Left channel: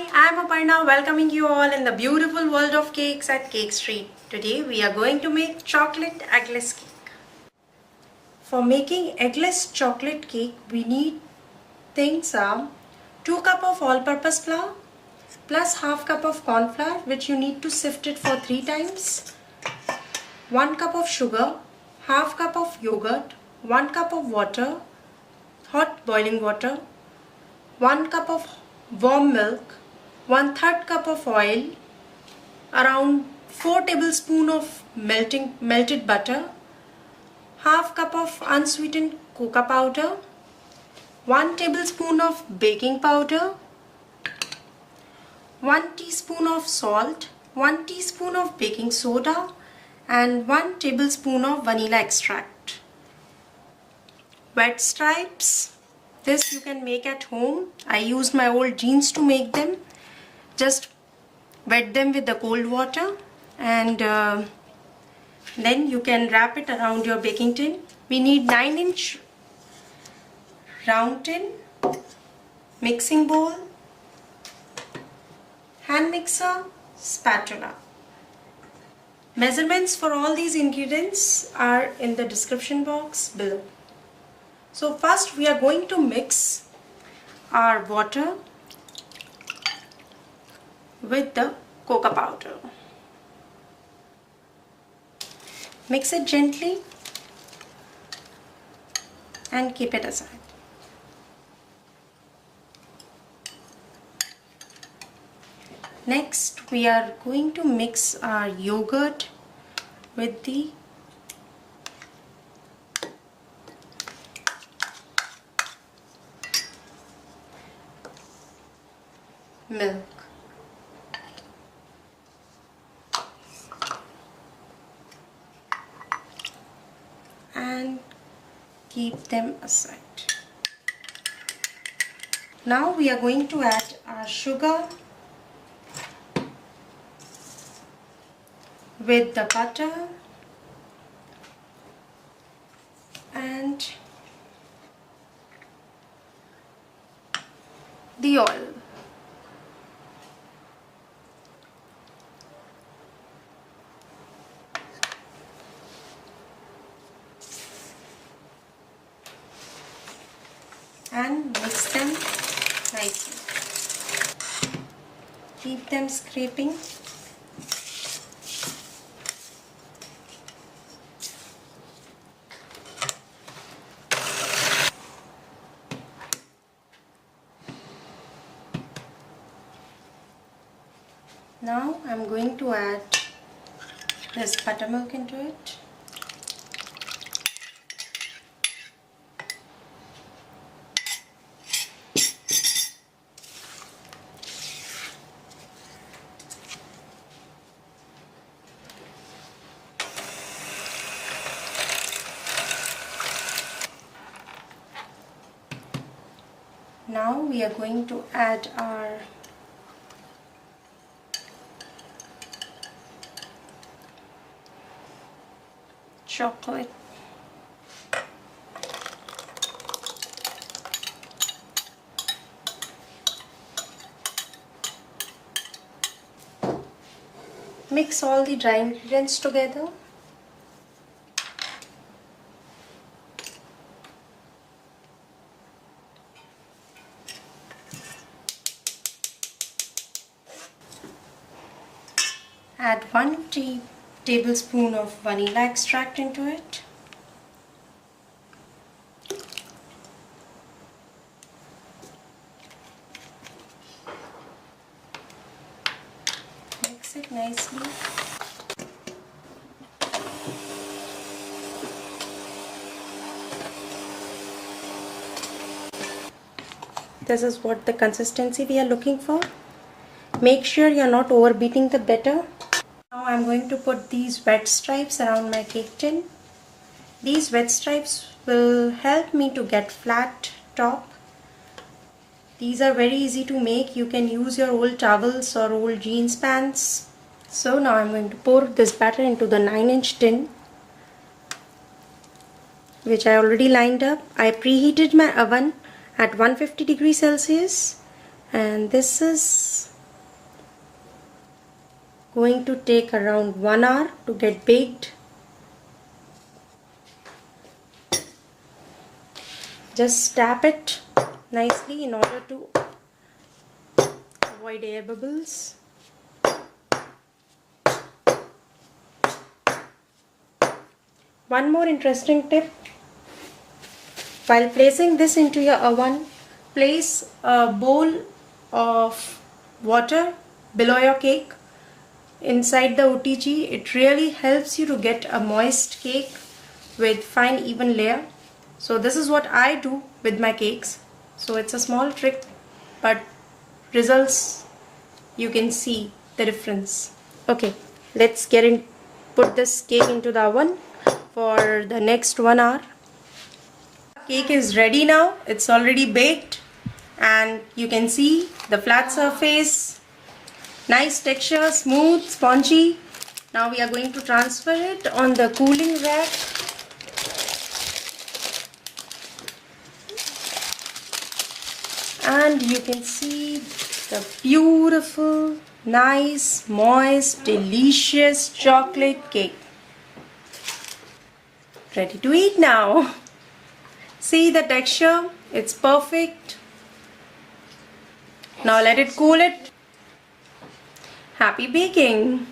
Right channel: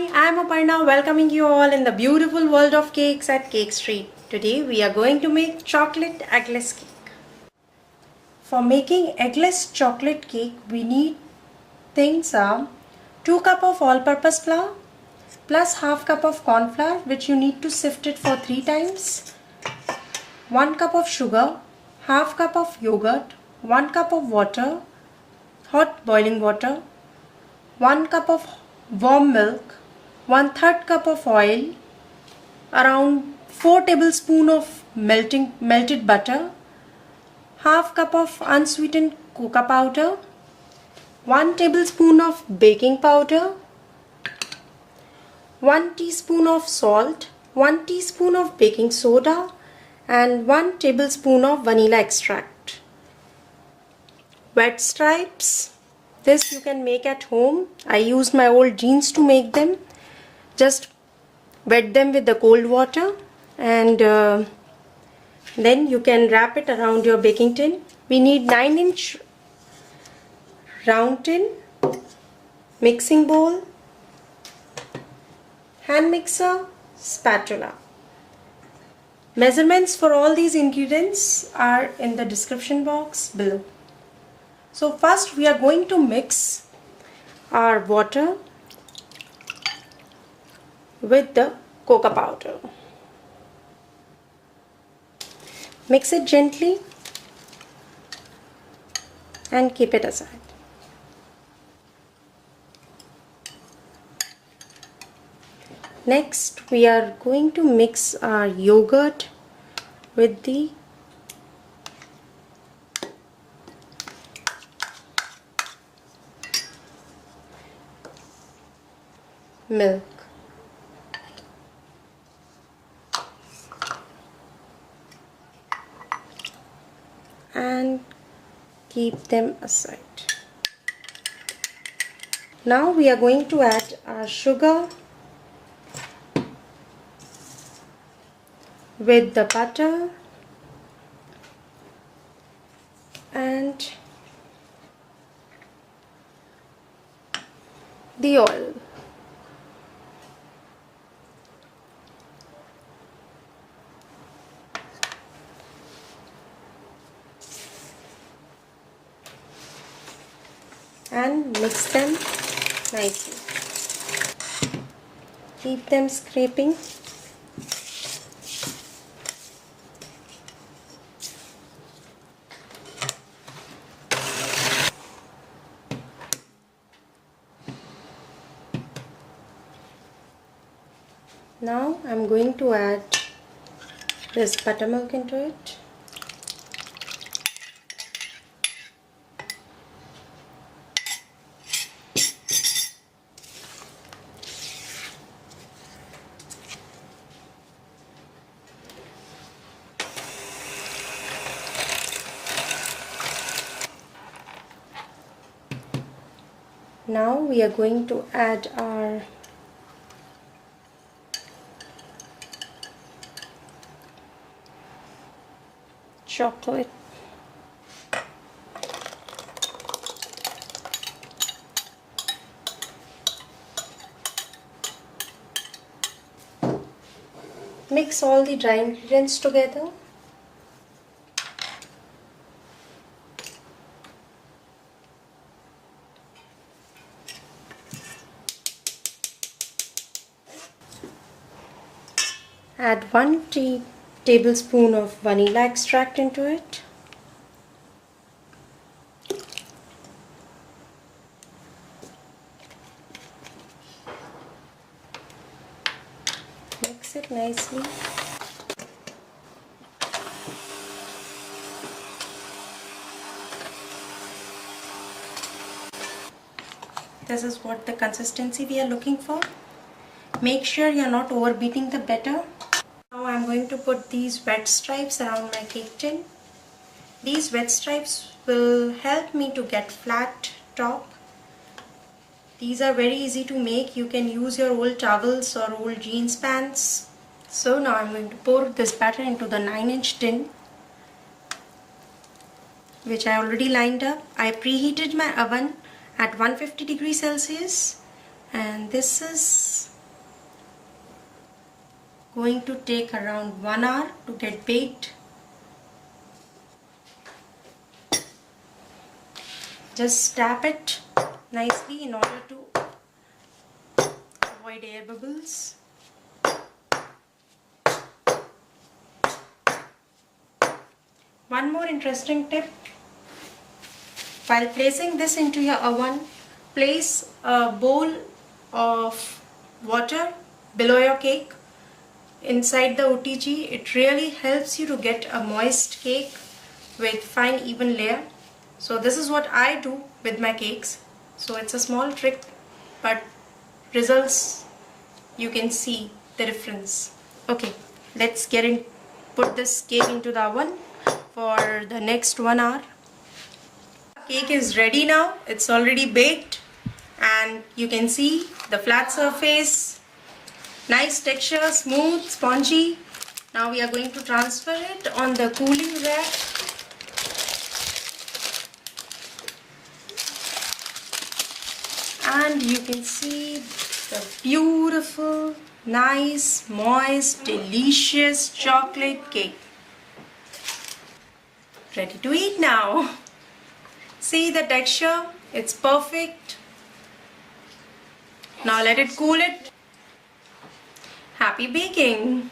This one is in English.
Hi, I am Aparna welcoming you all in the beautiful world of cakes at Cake Street. Today we are going to make chocolate eggless cake. For making eggless chocolate cake we need things are 2 cup of all-purpose flour plus half cup of corn flour which you need to sift it for 3 times, 1 cup of sugar, half cup of yogurt, 1 cup of water, hot boiling water, 1 cup of warm milk, 1/3 cup of oil, around 4 tablespoons of melted butter, half cup of unsweetened cocoa powder, 1 tablespoon of baking powder, 1 teaspoon of salt, 1 teaspoon of baking soda and 1 tablespoon of vanilla extract. Wet stripes. This you can make at home. I used my old jeans to make them. Just wet them with the cold water and then you can wrap it around your baking tin. We need 9-inch round tin, mixing bowl, hand mixer, spatula. Measurements for all these ingredients are in the description box below. So first we are going to mix our water with the cocoa powder. Mix it gently and keep it aside. Next we are going to mix our yogurt with the milk. And keep them aside. Now we are going to add our sugar with the butter and the oil. And mix them nicely. Keep them scraping. Now I'm going to add this buttermilk into it. Now we are going to add our chocolate. Mix all the dry ingredients together. Add 1 tablespoon of vanilla extract into it. Mix it nicely. This is what the consistency we are looking for. Make sure you are not overbeating the batter. Now I am going to put these wet stripes around my cake tin. These wet stripes will help me to get flat top. These are very easy to make. You can use your old towels or old jeans pants. So now I am going to pour this batter into the 9-inch tin which I already lined up. I preheated my oven at 150 degrees Celsius and this is going to take around 1 hour to get baked. Just tap it nicely in order to avoid air bubbles. One more interesting tip: while placing this into your oven, place a bowl of water below your cake inside the OTG. It really helps you to get a moist cake with fine even layer. So this is what I do with my cakes. So it's a small trick, but results, you can see the difference. Okay, let's put this cake into the oven for the next 1 hour. Cake is ready now. It's already baked and you can see the flat surface, nice texture, smooth, spongy. Now we are going to transfer it on the cooling rack. And you can see the beautiful, nice, moist, delicious chocolate cake. Ready to eat now. See the texture, it's perfect. Now let it cool it. Happy baking!